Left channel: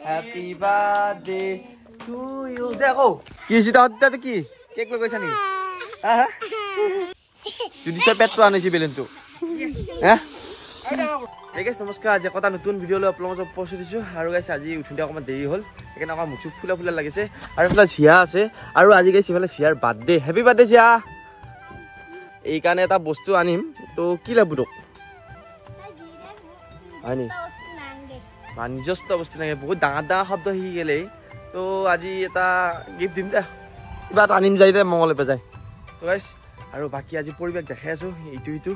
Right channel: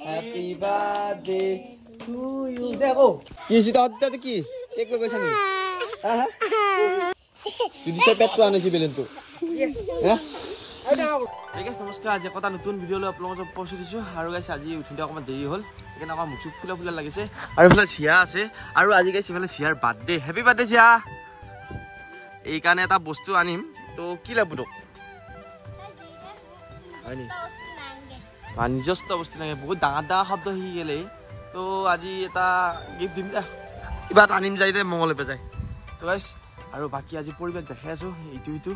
Happy birthday to you. দেখো কি হৈছে তাতে কি কেক লৈ গৈছা নি হা জুডিছৰ পেটটো আনিছি বেলুনটো হা এই গাইছ নমস্কাৰ আজি কথা নতুন ভিডিঅ' লৈ আপোনালোকক উপস্থিত দিছো আৰু গাইছ আজি উঠোঁতে অকমান দেৰি হ'ল সেইকাৰণে আমাৰ মুখ ফুলা ফুলা লাগিছে আৰু ইফালে চিয়া আছে আৰু আজি গাইছ ইফালে চিয়াৰ বাৰ্থডে হেপী বাৰ্থডে চিয়া এই কাৰণে এটা বস্তু আনিম তো কি লাগব তোক আনি নিজস্ব বস্তু নাই বহুত ডাঙৰ ডাঙৰ শব্দ শিকি গেলে তো আজি এটা গিফ্ট দিম দে কিবা এটা আনিম যাই দে মংগলে পেজাই তো গাইছ আৰু বাকি আজি পৰিবেশ দেখাই আছো ইটো ইটো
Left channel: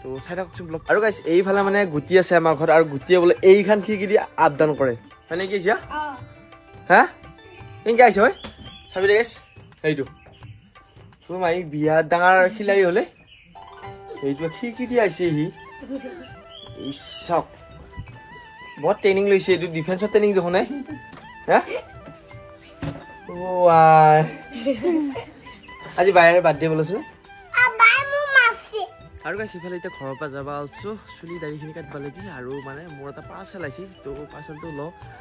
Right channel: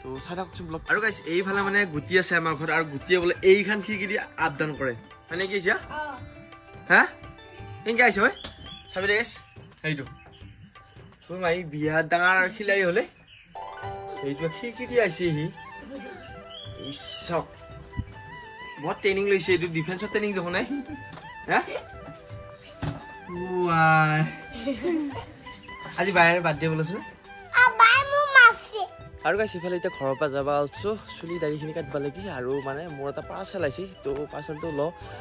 তো চাই থাকচোন ব্লগ আৰু গাইছ এইফালে মানে গুটি আছে আমাৰ ঘৰত আৰু গুটিয়ে বোলে এইখান খিৰিকি দি আপডাউন কৰে মানে কি হৈছে হা কেনেকৈ আহিছে হয় চাবি দে গাইছ সেইটো তোৰ মাই বিয়া ডাঙৰ খিলাৰি হলে এইটো খিৰিকি দি আহিছে সি ইছক বহুত ট্ৰেইনিং লৈছে এইটো ডিফেন্সৰ ট্ৰেইনিং দেখোন নাই হা ৱাই আজি বাইৰে বাৰ্থডে বলছো আৰু গাইছ ইফালে এতিয়া ঘৰৰ পৰা যাবা আছো চুলি দাড়িখিনি কাটবা লাগি আৰু মানে মোৰ এটা পাৰ্চেল আহিছে তো পাৰ্চেলটো ল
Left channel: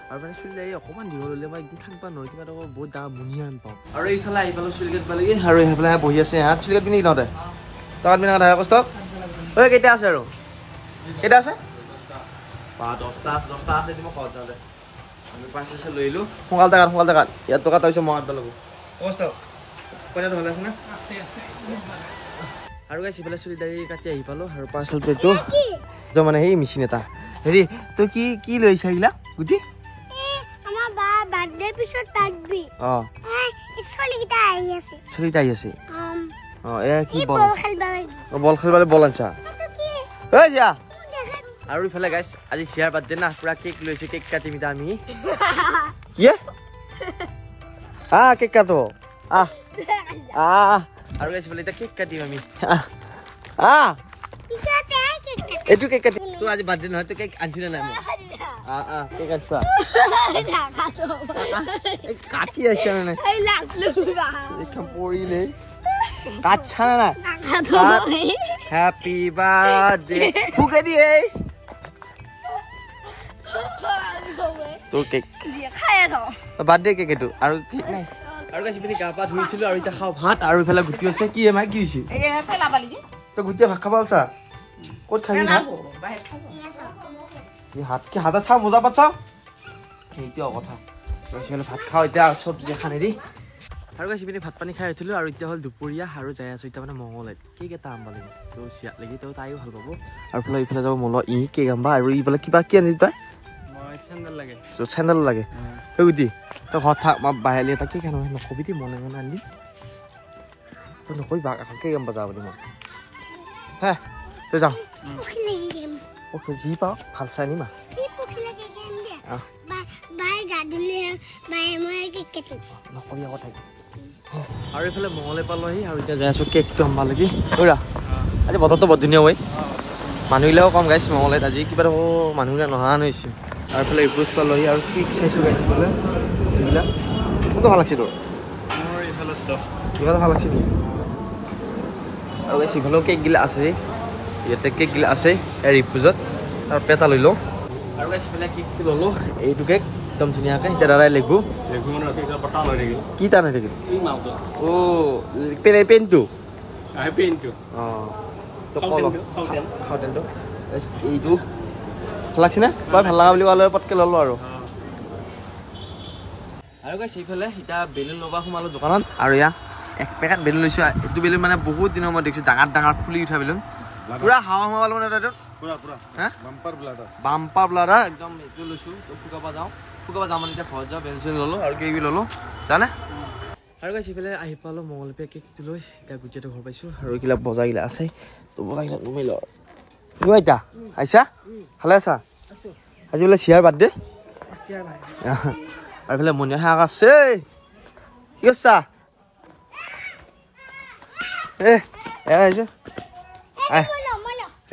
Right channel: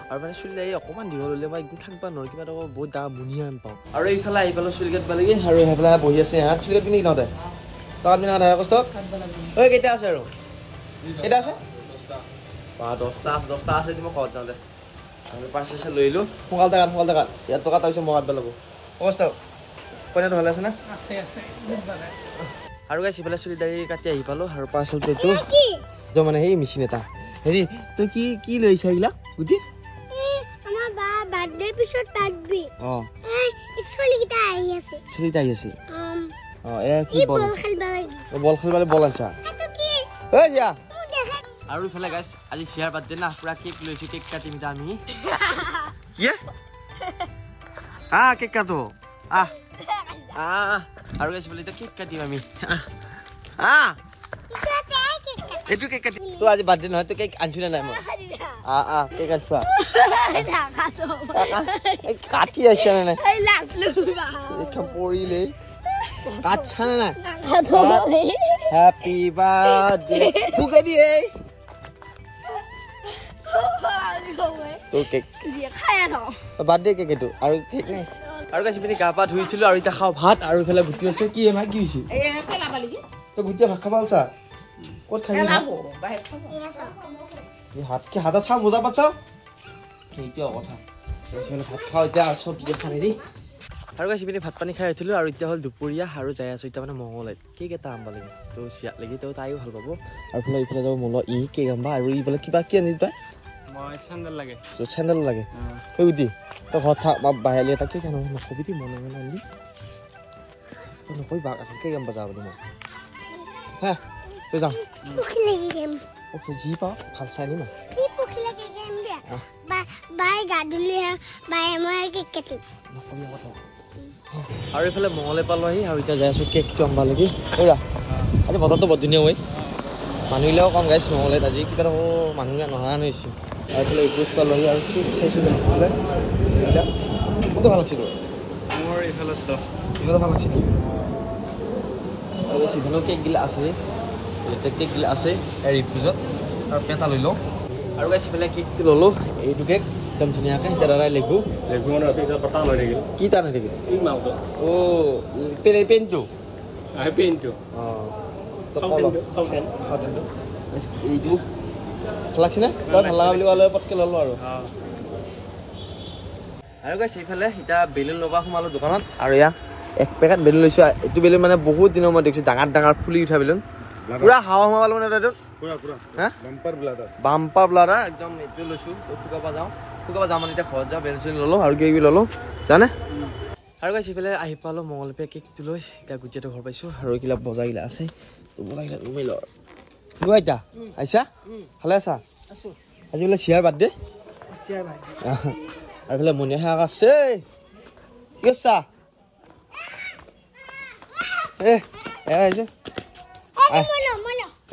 আৰু মানে চুলি দাড়ি অকণমান দীঘল হ'লে মই একদম থাকিব নোৱাৰোঁ কিবা এটা বহুত ডাঙৰ মুনিয়া পাওঁ আৰু এইফালে আহি পালোঁ চুলি কাটবা লাগি আৰু এইফালে বহি আছে হাত চুলি কাটবি নেকি নতে তাত পিনে কথা কষ্ট ঐ কেইটা আছে আৰু কেইটা আছে 10টা আছে মই ঘৰত যাওঁতে আমি পাৰ্চেল লৈ আহিলোঁ সোনকালে কাট ইয়াত টকা তাৰপিছত মই কাটবা লাগব কষ্ট কইনাটো ভালে আছে না আৰু গাইছ ইফালে চুলি দাড়ি কাটি আহি পালোঁ আৰু পাৰ্চেলটো এইটো মানে সেই মেচিন এটা হেৰি তই কি লৈ আহিছা এইবিলাক গুটি আমাৰ বা বাৰ্থডে পিছত পাকবি চলিকিটা আহি আছে এ কি বল খেলবালে বল আনছা ঐ যা আৰু ইফালে গাইছ আজি চিয়াৰ বাৰ্থডে না পুৰা কেক লৈছে কেক কাটিম এতিয়া আমি কি কেক কাটো আৰু গাইছ বোলে এতিয়া কেক কাটিম আমি এইটো কেক কাটিম তো আজি বাৰ্থডে নহয় তো কেক আনছো নে নাই মই কেক আনছো কাটি আছে নে নাই পৰিলে কাটছা নে নাই হেপী বাৰ্থডে ফুকে দিয়ে তো কেক বাৰ্থডে কেক এইটো আৰু কেক নাই আৰু গাইছ পিনি গা পা ধুইছিলো আৰু এতিয়া খাওঁ ভাত আৰু ইফালে গুটি আছে কি এমাই কি হৈছে তই গুটিয়ে ভাত খাব আলছা ক'ত খাবি হাতত চাওঁ মোজা পাত চাওঁ সেইটোও কথা ভাত খাওঁ এতিয়া চব্জি খানে দি আৰু গাইছ পিনি ভাত পানী খাই উঠিলো আৰু এতিয়া হ'ল দুপৰীয়া আৰু যাই আছো এতিয়া মানে মংগলাইত কেক এটা আনবা লাগে তো চিয়াত লাগি তো তাইও ভাল পাব আৰু ফালে ইফালে যাব মল কেক আনবা আৰু ইফালে কিবা কি আনি তই চেণ্ডেল লাগে গুটি তই ঘৰত থাক মই বাহিৰলৈ এটা কেক আনো নকবি দেই মনে মনে আনি তই নকবি কেক আনবা যাওঁ বুলি মই হা তই যাওঁ যি পাওঁ ভাল চাই আনিম নকবি কথা আৰু এইফালে মঙলে পালোঁ আহি আৰু এতিয়া যাই আছোঁ কেকটো আনবা লাগি ঐৰা আজি বতৰটো বৰ ধুনীয়া হয় মানুহবিলাকো কম গাইছ মঙলাইত আজি কিবা দেখোন মানুহবিলাক নহা হৈছে আৰু এইফালে ইপুজ পালোঁ আহি আৰু কেক চাইছোঁ গাইছ বোলে এইবিলাক মোৰতো ভাল লাগছে তোৰ মোৰ ইফালে ভাল লাগছে তোৰ আৰু গাইছ ইফালেও কেকগিলা আছে ইয়াতে কেকগিলা আছে ইপুজত আৰু পেটা লৈ লওঁ আৰু গাইছ ইফালে কেকটো ল'লোঁ এইটো কেক একদম ধুনীয়াকৈ এতিয়া দাদাই লেগু কি টান হৈ থাকিল পেনটো এইটো ভাল লাগছে নে বৰ ভাল লগা বুলি ক'লে পটকৈ ল'লোঁ আৰু গাইছ এইফালে এতিয়া বেলুন লগা সোমালোঁ দোকানত আৰু এয়া এক পেকেট বেলুন লৈছোঁ এইটো বেলুন মানে বহুত দিনৰ মই দেখিছোঁ ডাঙৰ ফুলি উঠা বেলুন পুৰা হাৱা সোমাব মানে তাইটো বাম্পাৰ ব্লাডাৰ একদম এইটো লৈছোঁ শুকাব যাওঁ মানে এতিয়া ঘৰত যাওঁ বেলুন চেলুন ল'লোঁ আৰু কিবা ল'লোঁ জানে আৰু গাইছ এইফালে আহি পালোঁ মংগলপে কেকটো লৈ এতিয়া গুটিয়াটো ঘৰ পাইছোঁ আৰু এইবিলাক বজাৰগিলা আছে তো বজাৰগিলা নুমাই ল এতিয়া আহিছা ভালে আছা আজি বোলে চিয়াৰ বাৰ্থডে আৰু এইফালে মনিয়া শাক আছে কি আছা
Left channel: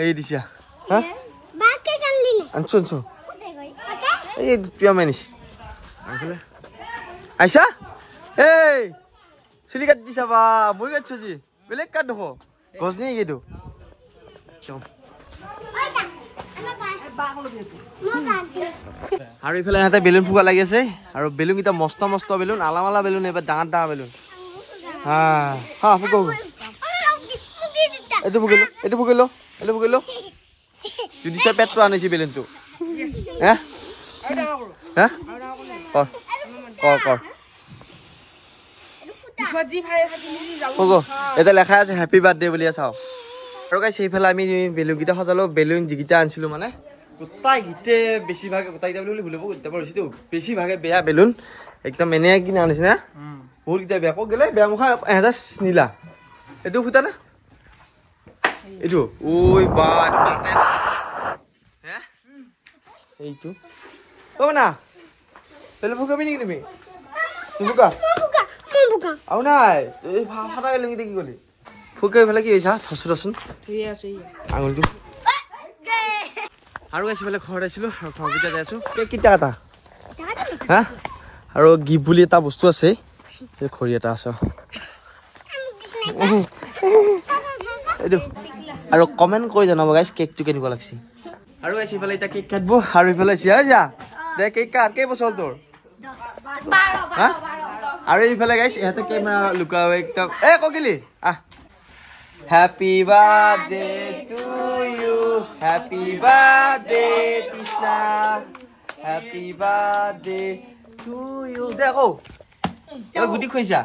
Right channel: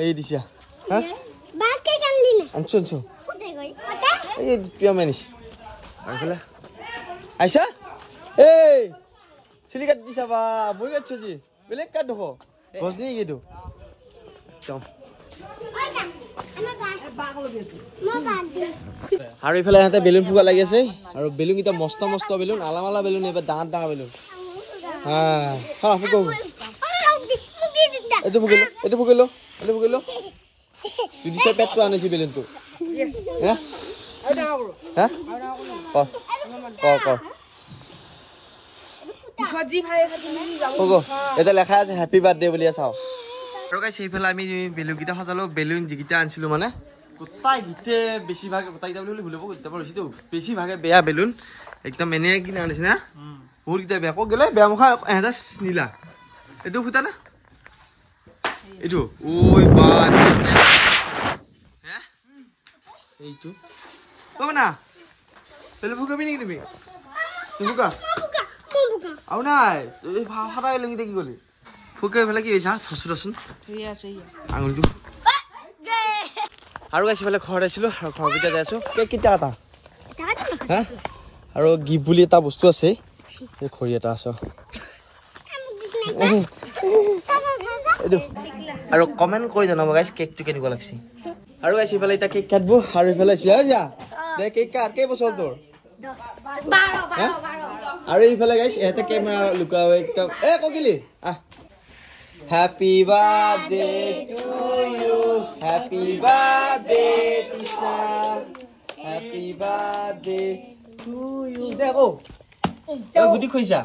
এই দিছা আনছো এই পিয়া মানিছি আৰু এইফালে আহিছা এই চুলি কাটি দিছা বা মই কাটিছো আজি বেলেগ কাট দেখো গছ নেকি এইটো আৰু ইফালে ইহঁতে বেলুন ফুকা লাগি আছে আৰু বেলুন কেইটা মস্ত মস্ত বেলুন আলামালা বেলুন এইবাৰ ডাঙৰ ডাঙৰ বেলুন এইটো ফুকিলো এইটো ফুকিলো এইটো ফুকিলো জুদিছৰ পেটটো আনিছে বেলুনটো হা হা কৰ কৰ এটা লেখা আছে হেপী বাৰ্থডে বুলি চাওঁ আৰু গাইছ সেইফালে আমি বেলুন কেইটা সজালো বেলুন যিকেইটা আনিছিলো মানে গোটাই গীতে বেছিভাগে গোটাইকেইটা বুলি ভুলিব গোটাব হৈছেতো বেছিভাগে বেয়া বেলুন একদম এনে কিনা আনিছে না বহুতকেইটা বেয়া ক'ত গ'লে বেয়া মুখা এহেঁতা নীলা এইটো ফুটা না এইটো ঐ বা হে এইটো অ না বেলুন ফুকাবি নেকি তুমি নুফুকা আৰু নাই এই ফাটা বেলুন কেইটা কি গ'লি ফুকাই পেলাই কি হৈছা থচো থচোন আঙুলিটো আৰু গাইছ ইফালে ঘৰত আহিছিলোঁ আৰু ঘৰকেইটা যাই আছোঁ কেইটা এটা হা আৰু গিফ্ট বুলি এটা বস্তু আছে এই খৰি এটা আছে এইটো আৰু কমেণ্ট কৰি জনাব গাইছ কেকটো কেনেকুৱা লাগিছে আৰু গাইছ ইফালে এতিয়া কেক কাটিব আৰু ইফালে চিয়া যা দে কেক কাট কেইবছৰ তোৰ হা আৰু ইফালে গাইছ ইহঁতে কেমেৰা লুকাও একদম এ ককিলি আহ Happy birthday to you. Happy birthday, Krishna. Happy birthday to you. Dekho. Oi gudi khoisa.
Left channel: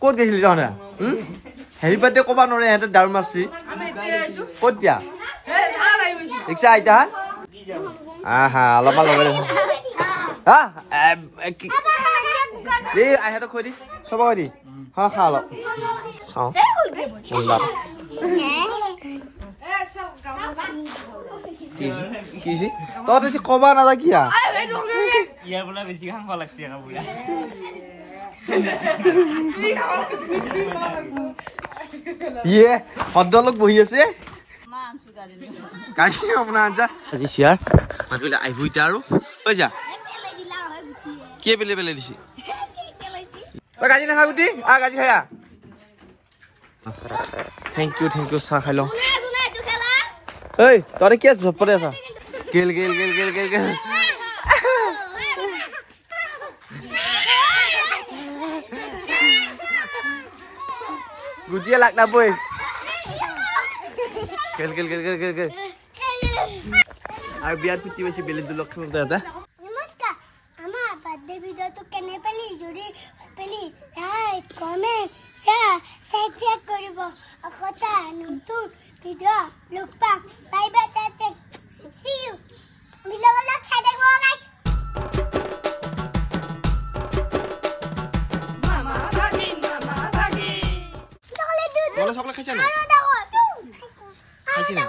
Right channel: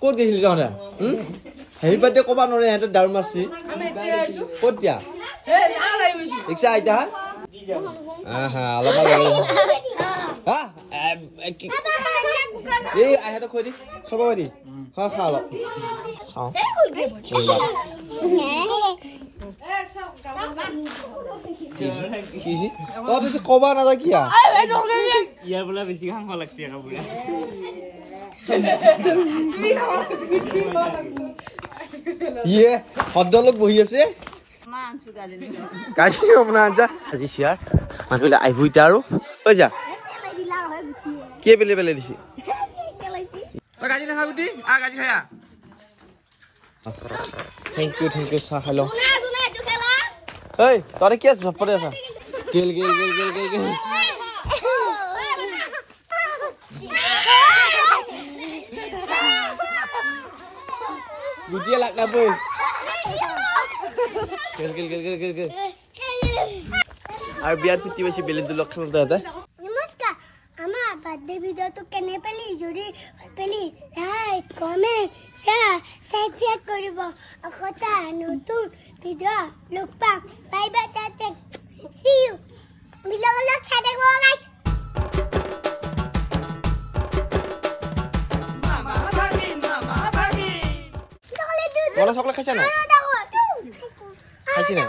Kot gesil jana. Happy birthday koba nore hete dar masi. Kot dia? Iksa aita han? Aha, lama lama. Ha? Ei, ai hete khoi di. Soba khoi di. Ha kha lo. Sao? Lắm. কি G? তই তো কবা না কি আ? ইয়া বলা বেশি খাম লাগছে না বলা। ইয়ে হদ্দলক বহি আছে। কাছি আপনা আনছা। আজি সিয়া মানুলে আইভুইতা আৰু ঐ যা। কে বেলে বেলে দিছি? তই গাজি নাখা গুটি আ গাজি খায়া থ্যাংক ইউ চাহ খাই লওঁ ঐ তই কি ঝপৰে আছা গেল গেল গেল গেল গেল গেল গুটিয়ে লাগ নাপই গেল গেল গেল গেল গেল গেল আৰু বিয়াত পুতি বেছি বেলেগ লগ খাম তহঁতে birthday video to kene peli jodi peli like comment share subscribe koribo akota notun video look back bye bye tata see you video look share go guys mama bagi Wala sakla খাইছা না খাইছি না